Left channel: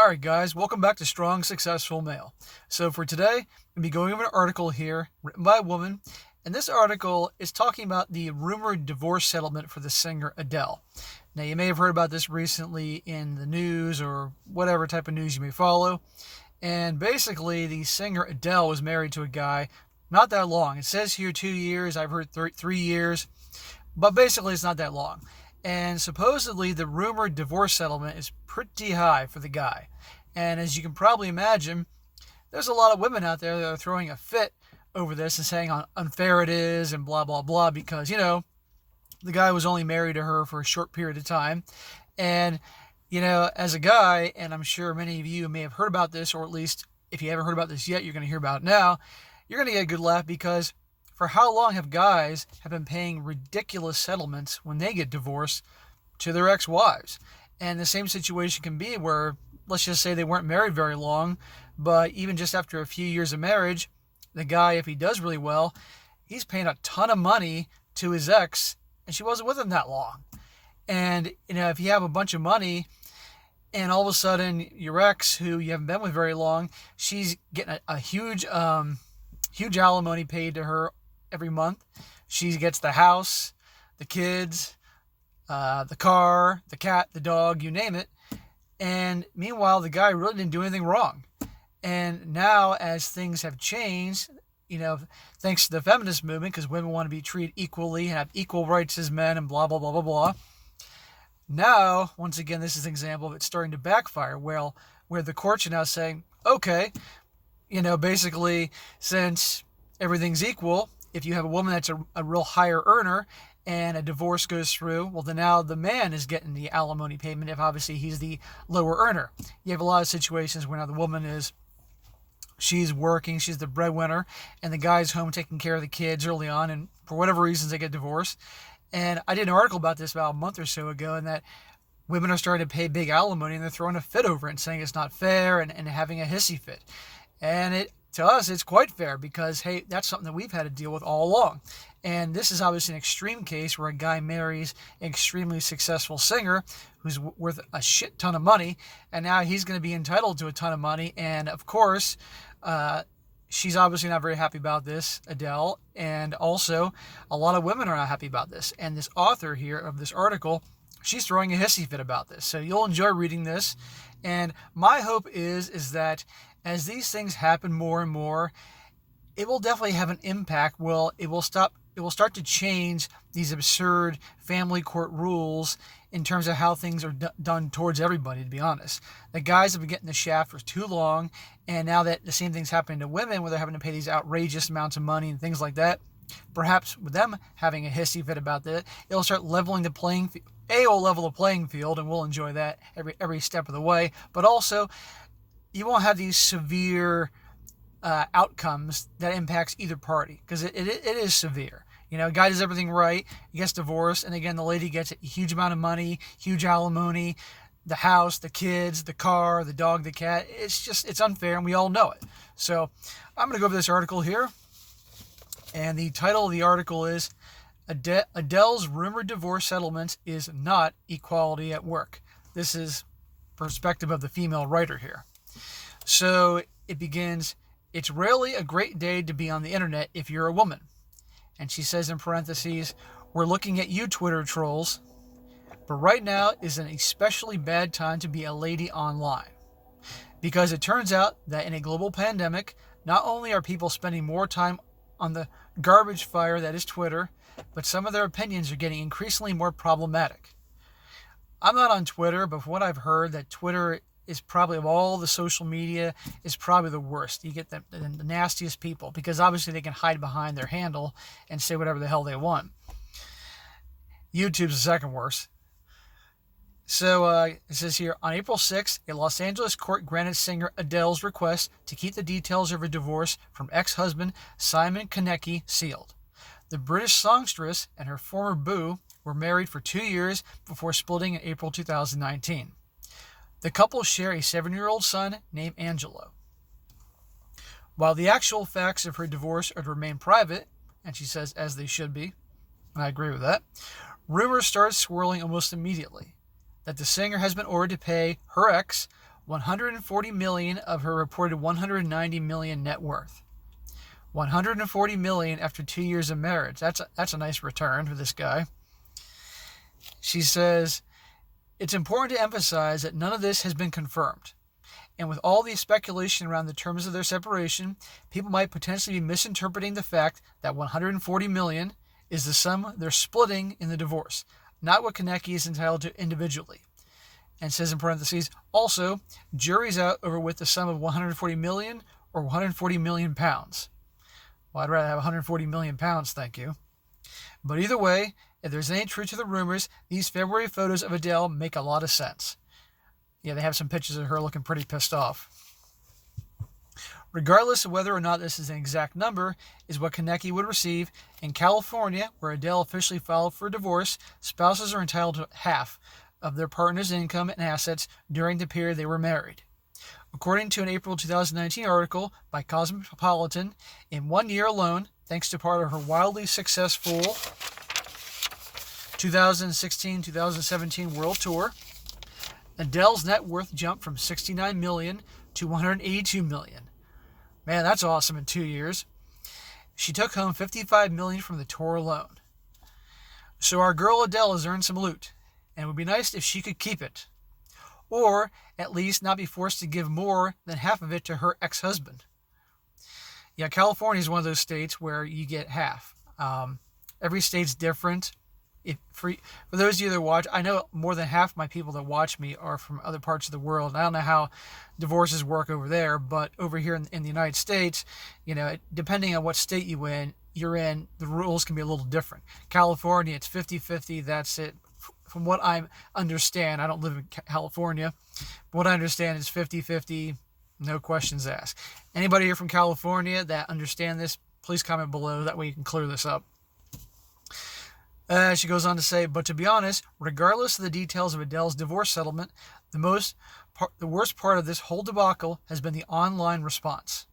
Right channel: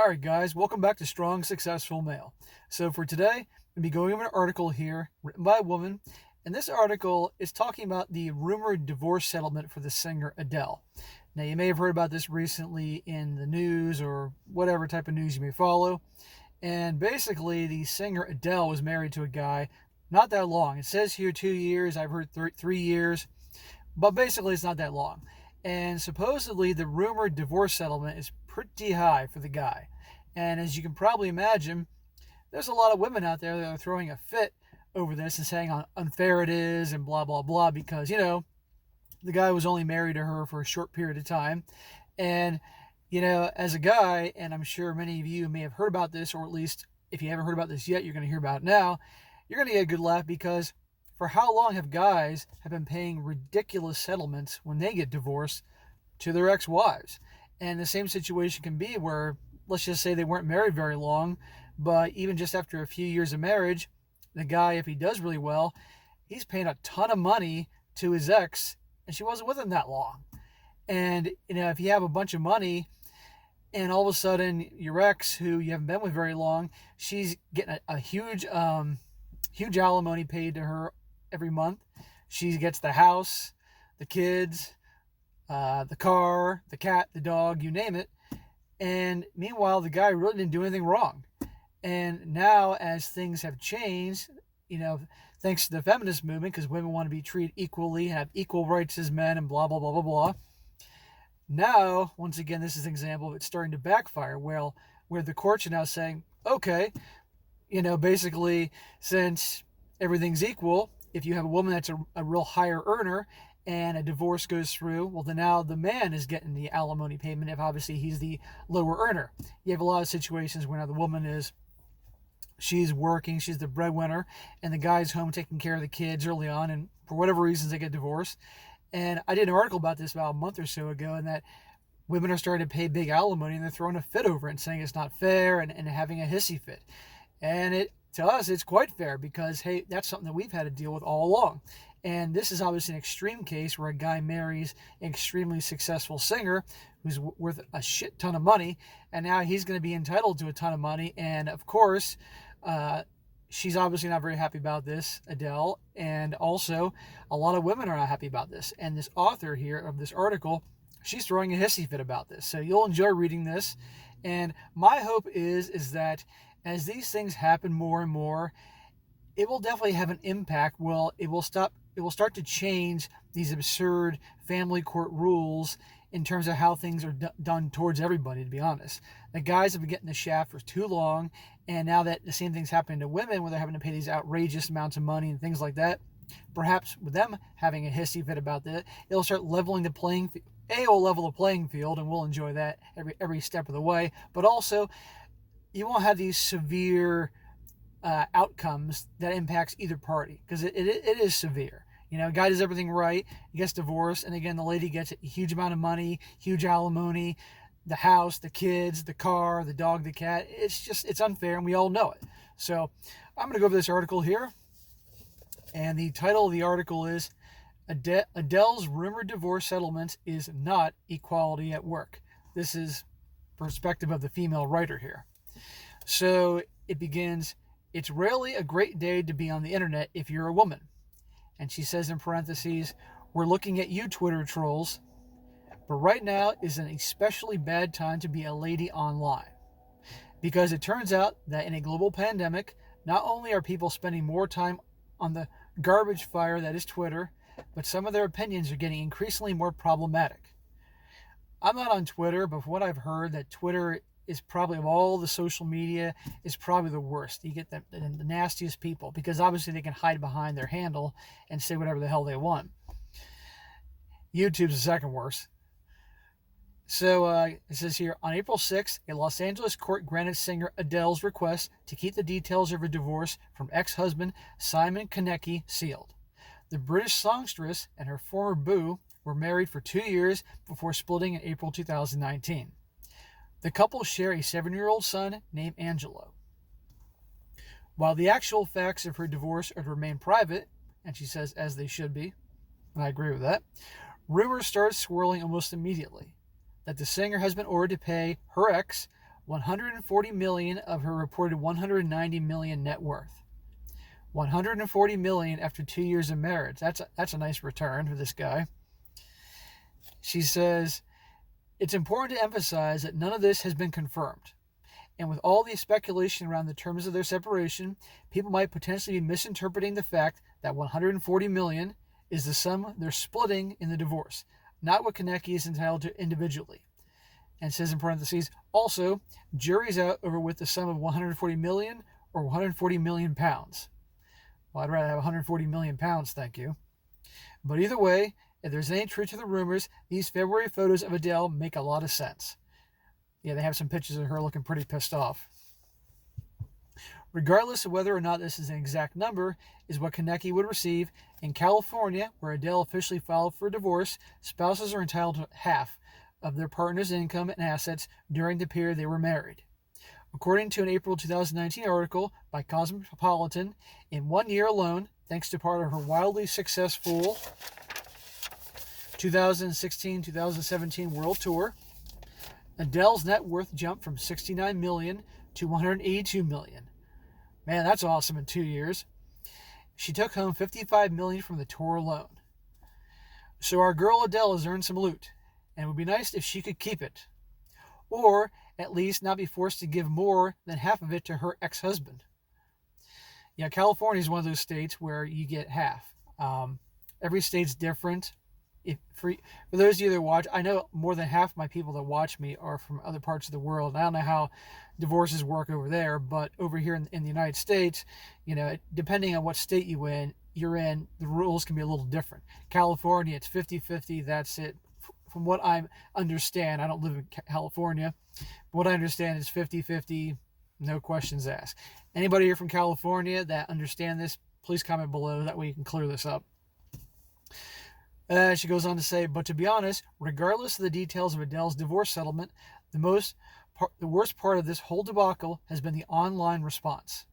Alright guys, welcome back to Strong Successful Male. So for today, I'm going to be going over an article here written by a woman, and this article is talking about the rumored divorce settlement for the singer Adele. Now you may have heard about this recently in the news or whatever type of news you may follow, and basically the singer Adele was married to a guy not that long. It says here 2 years, I've heard 3 years, but basically it's not that long. And supposedly the rumored divorce settlement is pretty high for the guy. And as you can probably imagine, there's a lot of women out there that are throwing a fit over this and saying how unfair it is and blah, blah, blah, because, the guy was only married to her for a short period of time. And, as a guy, and I'm sure many of you may have heard about this, or at least if you haven't heard about this yet, you're going to hear about it now, you're going to get a good laugh because for how long have guys have been paying ridiculous settlements when they get divorced to their ex-wives? And the same situation can be where, let's just say they weren't married very long, but even just after a few years of marriage, the guy, if he does really well, he's paying a ton of money to his ex, and she wasn't with him that long. And, if you have a bunch of money, and all of a sudden your ex, who you haven't been with very long, she's getting a huge alimony paid to her every month. She gets the house, the kids, the car, the cat, the dog, you name it. And meanwhile, the guy really didn't do anything wrong. And now, as things have changed, thanks to the feminist movement, because women want to be treated equally and have equal rights as men and blah, blah, blah, blah, blah. Now, once again, this is an example of it starting to backfire. Well, where the courts are now saying, okay, basically, since everything's equal, if you have a woman that's a real higher earner and a divorce goes through, well, then now the man is getting the alimony payment if obviously he's the lower earner. You have a lot of situations where now the woman she's working, she's the breadwinner, and the guy's home taking care of the kids early on, and for whatever reasons they get divorced. And I did an article about this about a month or so ago, and that women are starting to pay big alimony and they're throwing a fit over it and saying it's not fair and having a hissy fit. And to us, it's quite fair because, hey, that's something that we've had to deal with all along. And this is obviously an extreme case where a guy marries an extremely successful singer who's worth a shit ton of money, and now he's going to be entitled to a ton of money. And of course, she's obviously not very happy about this, Adele, and also a lot of women are not happy about this. And this author here of this article, she's throwing a hissy fit about this. So you'll enjoy reading this. And my hope is that as these things happen more and more, it will definitely have an impact. Well, it will start to change these absurd family court rules in terms of how things are done towards everybody, to be honest. The guys have been getting the shaft for too long, and now that the same thing's happening to women where they're having to pay these outrageous amounts of money and things like that, perhaps with them having a hissy fit about that, it'll start leveling the playing field. It'll level the playing field, and we'll enjoy that every step of the way. But also, you won't have these severe outcomes that impacts either party, because it is severe. A guy does everything right, he gets divorced, and again, the lady gets a huge amount of money, huge alimony, the house, the kids, the car, the dog, the cat. It's unfair, and we all know it. So I'm going to go over this article here, and the title of the article is Adele's rumored divorce settlement is not equality at work. This is perspective of the female writer here. So it begins, it's rarely a great day to be on the internet if you're a woman. And she says in parentheses, we're looking at you, Twitter trolls, but right now is an especially bad time to be a lady online. Because it turns out that in a global pandemic, not only are people spending more time on the garbage fire that is Twitter, but some of their opinions are getting increasingly more problematic. I'm not on Twitter, but from what I've heard, that Twitter is probably, of all the social media, is probably the worst. You get the nastiest people, because obviously they can hide behind their handle and say whatever the hell they want. YouTube's the second worst. So it says here, on April 6th, a Los Angeles court granted singer Adele's request to keep the details of her divorce from ex-husband Simon Konecki sealed. The British songstress and her former beau were married for 2 years before splitting in April 2019. The couple share a 7-year-old son named Angelo. While the actual facts of her divorce are to remain private, and she says as they should be, and I agree with that, rumors started swirling almost immediately that the singer has been ordered to pay her ex $140 million of her reported $190 million net worth. $140 million after 2 years of marriage. That's a nice return for this guy. She says, it's important to emphasize that none of this has been confirmed. And with all the speculation around the terms of their separation, people might potentially be misinterpreting the fact that $140 million is the sum they're splitting in the divorce, not what Konecki is entitled to individually. And says in parentheses, also, jury's out over with the sum of $140 million or $140 million pounds. Well, I'd rather have 140 million pounds, thank you. But either way, if there's any truth to the rumors, these February photos of Adele make a lot of sense. Yeah, they have some pictures of her looking pretty pissed off. Regardless of whether or not this is an exact number, is what Konecki would receive. In California, where Adele officially filed for divorce, spouses are entitled to half of their partner's income and assets during the period they were married. According to an April 2019 article by Cosmopolitan, in 1 year alone, thanks to part of her wildly successful 2016-2017 world tour, Adele's net worth jumped from $69 million to $182 million. Man, that's awesome in 2 years. She took home $55 million from the tour alone. So our girl Adele has earned some loot, and it would be nice if she could keep it. Or at least not be forced to give more than half of it to her ex-husband. Yeah, California is one of those states where you get half. Every state's different. For those of you that watch, I know more than half of my people that watch me are from other parts of the world. I don't know how divorces work over there, but over here in the United States, depending on what state you're in, the rules can be a little different. California, it's 50-50, that's it. From what I understand, I don't live in California, but what I understand is 50-50, no questions asked. Anybody here from California that understand this, please comment below. That way you can clear this up. She goes on to say, but to be honest, regardless of the details of Adele's divorce settlement, the worst part of this whole debacle has been the online response.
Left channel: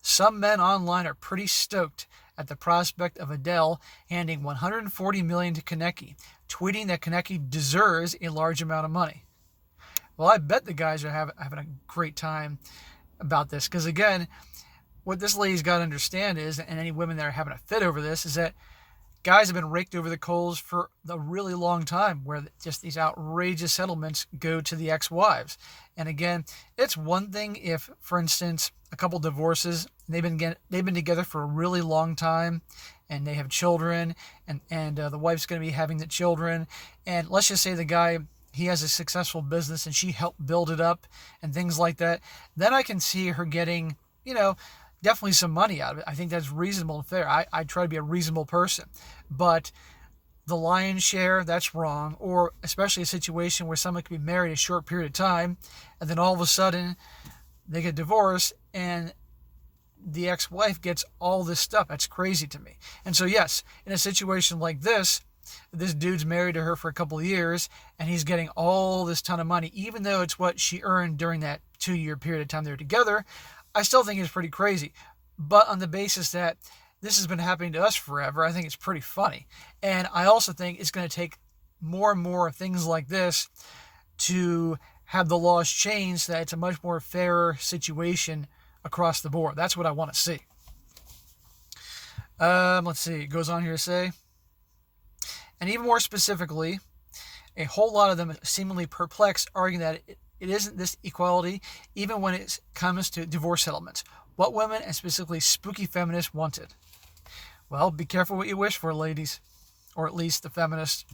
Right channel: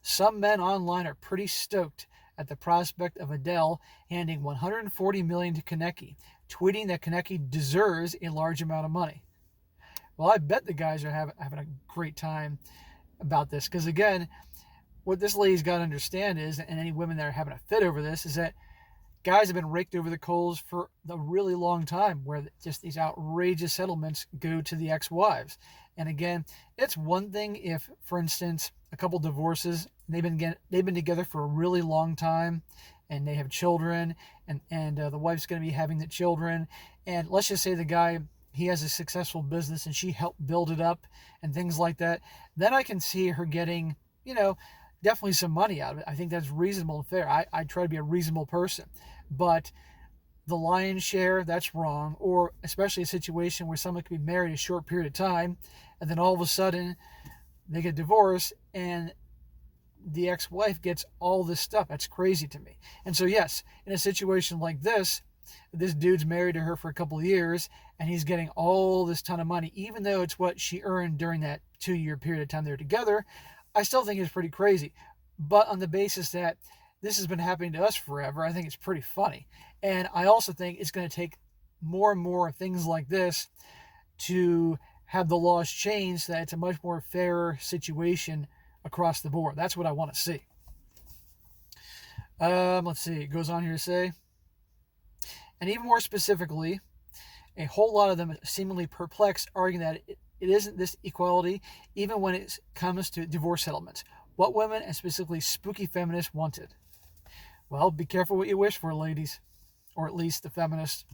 Some men online are pretty stoked at the prospect of Adele handing $140 million to Konecki, tweeting that Konecki deserves a large amount of money. Well, I bet the guys are having a great time about this, because again, what this lady's got to understand is, and any women that are having a fit over this, is that guys have been raked over the coals for a really long time, where just these outrageous settlements go to the ex-wives. And again, it's one thing if, for instance, a couple divorces, they've been together for a really long time, and they have children, and the wife's going to be having the children, and let's just say the guy, he has a successful business and she helped build it up and things like that, then I can see her getting, definitely some money out of it. I think that's reasonable and fair. I try to be a reasonable person, but the lion's share, that's wrong. Or especially a situation where someone could be married a short period of time, and then all of a sudden they get divorced and the ex-wife gets all this stuff. That's crazy to me. And so yes, in a situation like this dude's married to her for a couple of years and he's getting all this ton of money, even though it's what she earned during that 2 year period of time they were together. I still think it's pretty crazy. But on the basis that this has been happening to us forever, I think it's pretty funny. And I also think it's going to take more and more things like this to have the laws changed, so that it's a much more fairer situation across the board. That's what I want to see. Let's see. It goes on here to say, and even more specifically, a whole lot of them seemingly perplexed, arguing that it isn't this equality, even when it comes to divorce settlements. What women, and specifically spooky feminists, wanted. Well, be careful what you wish for, ladies. Or at least the feminists.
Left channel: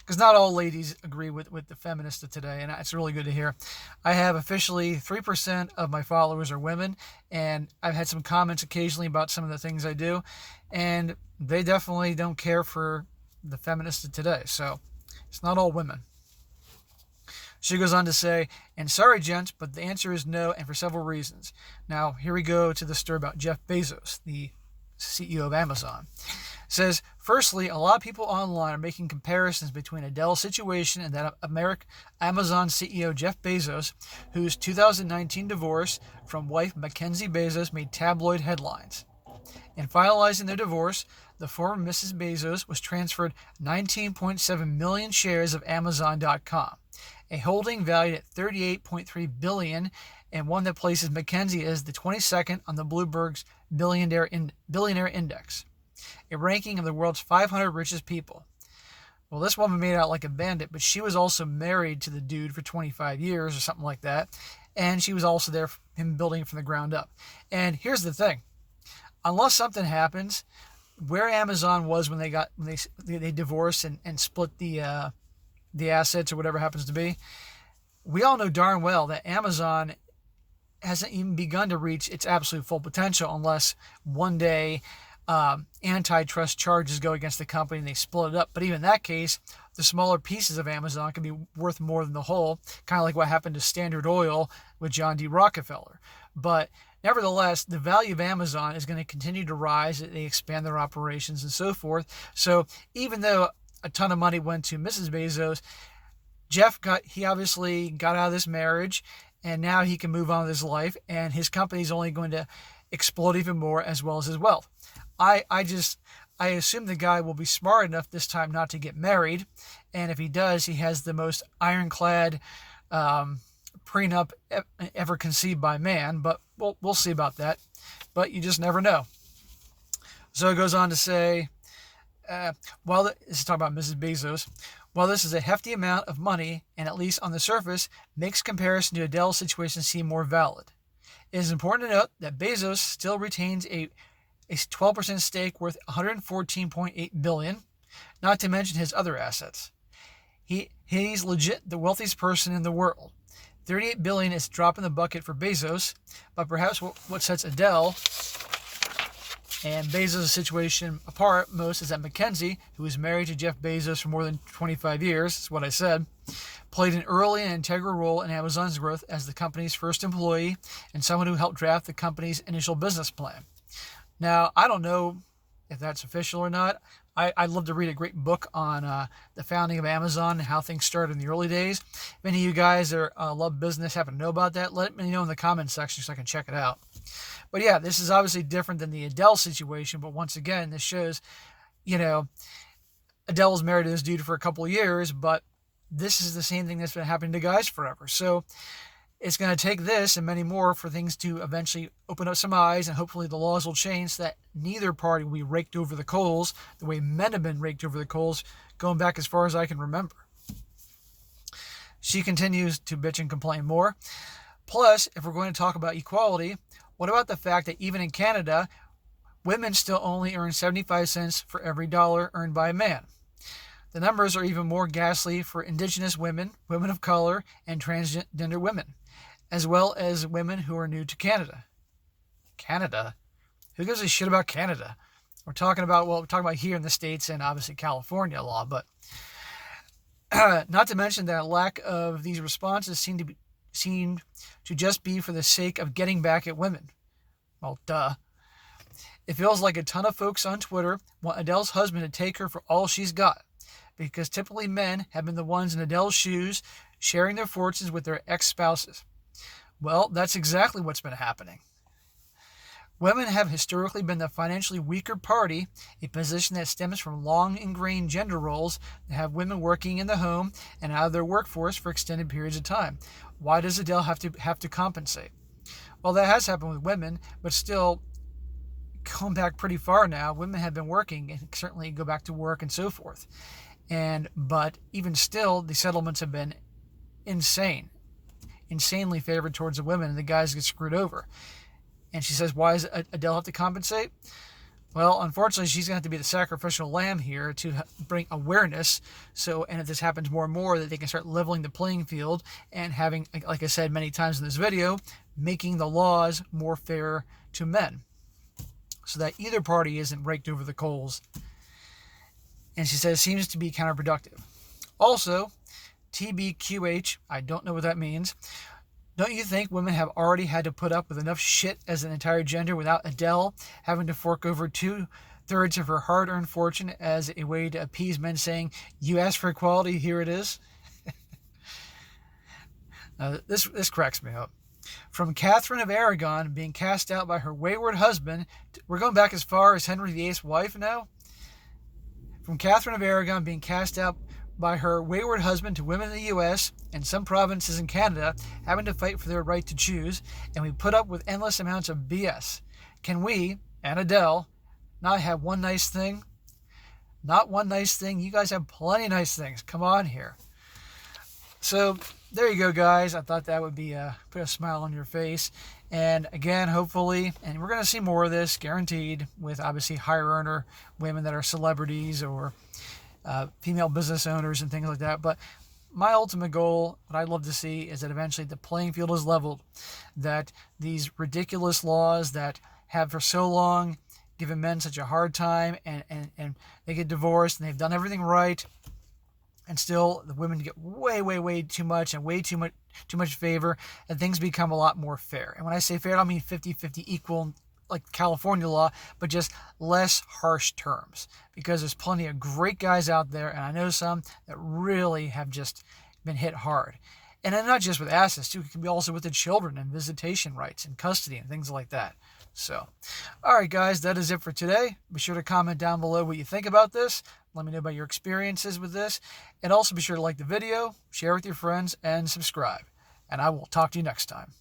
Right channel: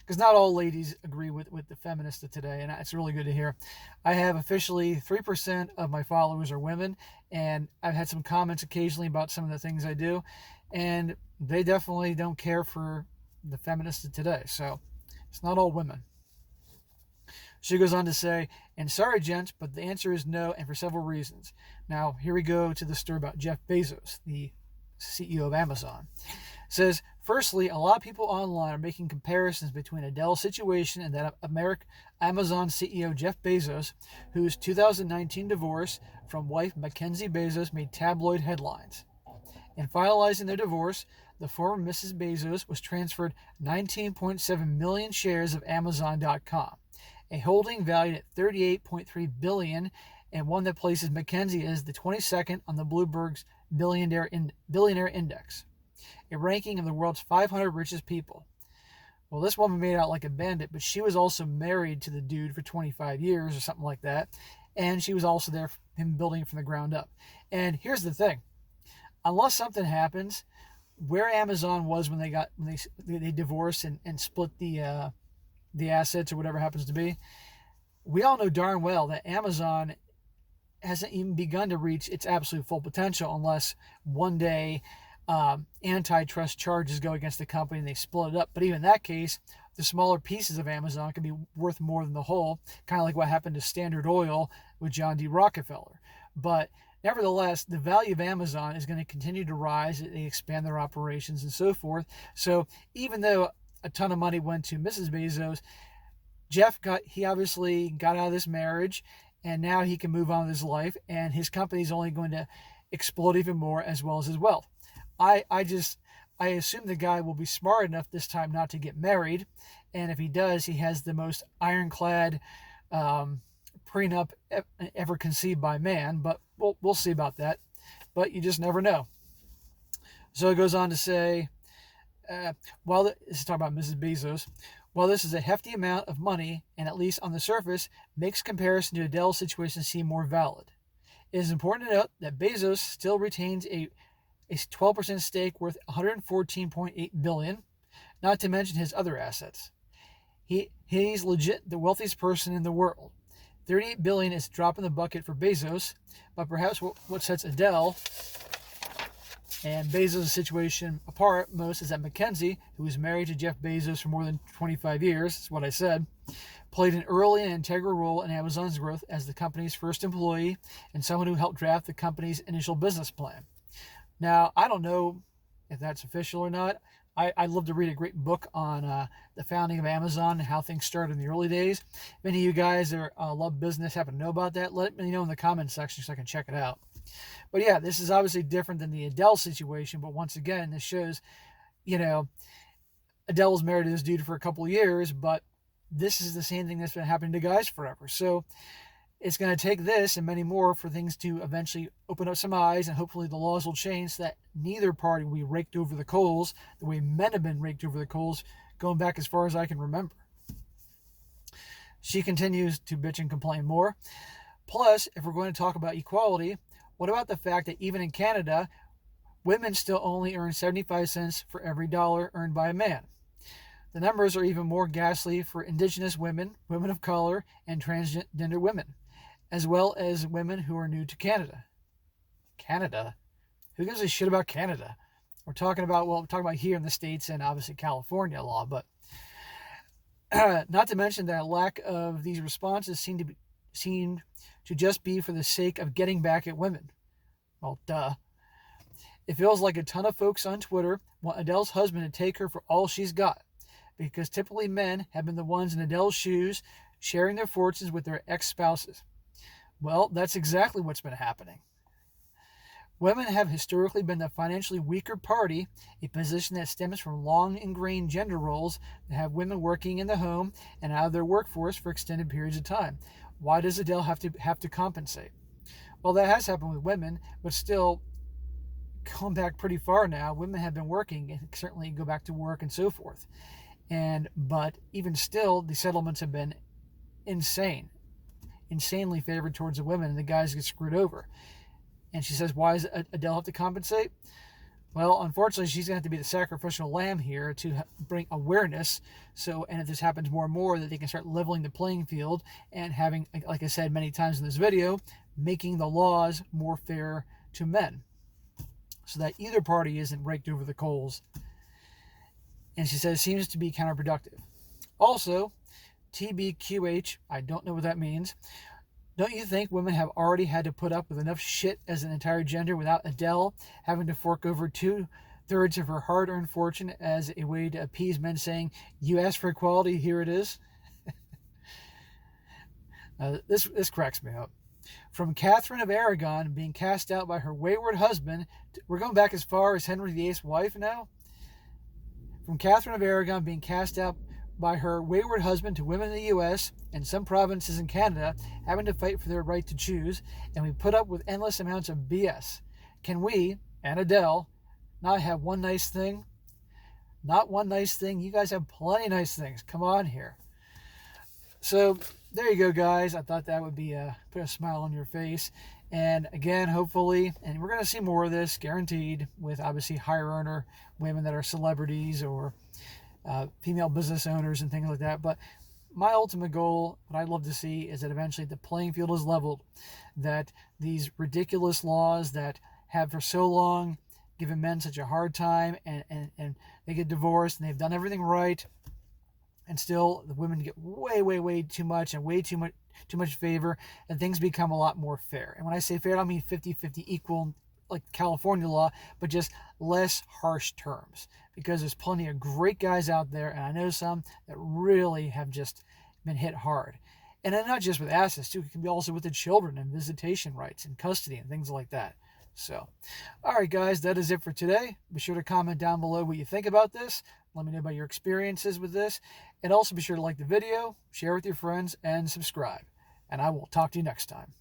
Because not all ladies agree with the feminists of today, and it's really good to hear. I have officially 3% of my followers are women, and I've had some comments occasionally about some of the things I do, and they definitely don't care for the feminists of today. So it's not all women. She goes on to say, and sorry, gents, but the answer is no, and for several reasons. Now, here we go to the story about Jeff Bezos, the CEO of Amazon. Says, firstly, a lot of people online are making comparisons between Adele's situation and that of Amazon CEO Jeff Bezos, whose 2019 divorce from wife Mackenzie Bezos made tabloid headlines. In finalizing their divorce, the former Mrs. Bezos was transferred 19.7 million shares of Amazon.com, a holding valued at $38.3 billion, and one that places Mackenzie as the 22nd on the Bloomberg's billionaire index, a ranking of the world's 500 richest people. Well, this woman made out like a bandit, but she was also married to the dude for 25 years or something like that, and she was also there for him building from the ground up. And here's the thing. Unless something happens, where Amazon was when they divorced and split the assets or whatever happens to be, we all know darn well that Amazon hasn't even begun to reach its absolute full potential unless one day antitrust charges go against the company and they split it up. But even in that case, the smaller pieces of Amazon can be worth more than the whole, kind of like what happened to Standard Oil with John D. Rockefeller. But nevertheless, the value of Amazon is going to continue to rise as they expand their operations and so forth. So even though a ton of money went to Mrs. Bezos, he obviously got out of this marriage, and now he can move on with his life, and his company is only going to explode even more, as well as his wealth. I assume the guy will be smart enough this time not to get married, and if he does, he has the most ironclad prenup ever conceived by man, but we'll see about that. But you just never know. So it goes on to say, this is talking about Mrs. Bezos, while this is a hefty amount of money, and at least on the surface, makes comparison to Adele's situation seem more valid, it is important to note that Bezos still retains a 12% stake worth $114.8 billion, not to mention his other assets. He's legit the wealthiest person in the world. $38 billion is a drop in the bucket for Bezos, but perhaps what sets Adele and Bezos' situation apart most is that Mackenzie, who was married to Jeff Bezos for more than 25 years, that's what I said, played an early and integral role in Amazon's growth as the company's first employee and someone who helped draft the company's initial business plan. Now, I don't know if that's official or not. I'd love to read a great book on the founding of Amazon and how things started in the early days. If any of you guys that love business happen to know about that, let me know in the comments section so I can check it out. But yeah, this is obviously different than the Adele situation, but once again, this shows, Adele was married to this dude for a couple of years, but this is the same thing that's been happening to guys forever. So it's going to take this and many more for things to eventually open up some eyes, and hopefully the laws will change so that neither party will be raked over the coals the way men have been raked over the coals going back as far as I can remember. She continues to bitch and complain more. Plus, if we're going to talk about equality, what about the fact that even in Canada, women still only earn 75 cents for every dollar earned by a man? The numbers are even more ghastly for Indigenous women, women of color, and transgender women, as well as women who are new to Canada. Canada? Who gives a shit about Canada? We're talking about here in the States and obviously California law, but not to mention that lack of these responses seem to just be for the sake of getting back at women. Well, duh. It feels like a ton of folks on Twitter want Adele's husband to take her for all she's got, because typically men have been the ones in Adele's shoes sharing their fortunes with their ex-spouses. Well, that's exactly what's been happening. Women have historically been the financially weaker party, a position that stems from long ingrained gender roles that have women working in the home and out of their workforce for extended periods of time. Why does Adele have to compensate? Well, that has happened with women, but still, going back pretty far now, women have been working and certainly go back to work and so forth. But even still, the settlements have been insanely favored towards the women, and the guys get screwed over. And she says, why does Adele have to compensate? Well, unfortunately, she's going to have to be the sacrificial lamb here to bring awareness. And if this happens more and more, that they can start leveling the playing field and having, like I said many times in this video, making the laws more fair to men so that either party isn't raked over the coals. And she says it seems to be counterproductive. Also, TBQH, I don't know what that means. Don't you think women have already had to put up with enough shit as an entire gender without Adele having to fork over 2/3 of her hard-earned fortune as a way to appease men saying, you asked for equality, here it is? This cracks me up. From Catherine of Aragon being cast out by her wayward husband, we're going back as far as Henry VIII's wife now? From Catherine of Aragon being cast out by her wayward husband to women in the U.S. and some provinces in Canada having to fight for their right to choose, and we put up with endless amounts of BS. Can we, and Adele, not have one nice thing? Not one nice thing. You guys have plenty of nice things. Come on here. So there you go, guys. I thought that would be put a smile on your face. And again, hopefully, and we're going to see more of this, guaranteed, with obviously higher earner women that are celebrities or female business owners and things like that. But my ultimate goal, what I'd love to see, is that eventually the playing field is leveled, that these ridiculous laws that have for so long given men such a hard time, and they get divorced and they've done everything right, and still the women get way too much and way too much favor, and things become a lot more fair. And when I say fair, I don't mean 50-50 equal like California law, but just less harsh terms, because there's plenty of great guys out there, and I know some that really have just been hit hard. And not just with assets too, it can be also with the children and visitation rights and custody and things like that. So, all right, guys, that is it for today. Be sure to comment down below what you think about this. Let me know about your experiences with this. And also be sure to like the video, share with your friends, and subscribe. And I will talk to you next time.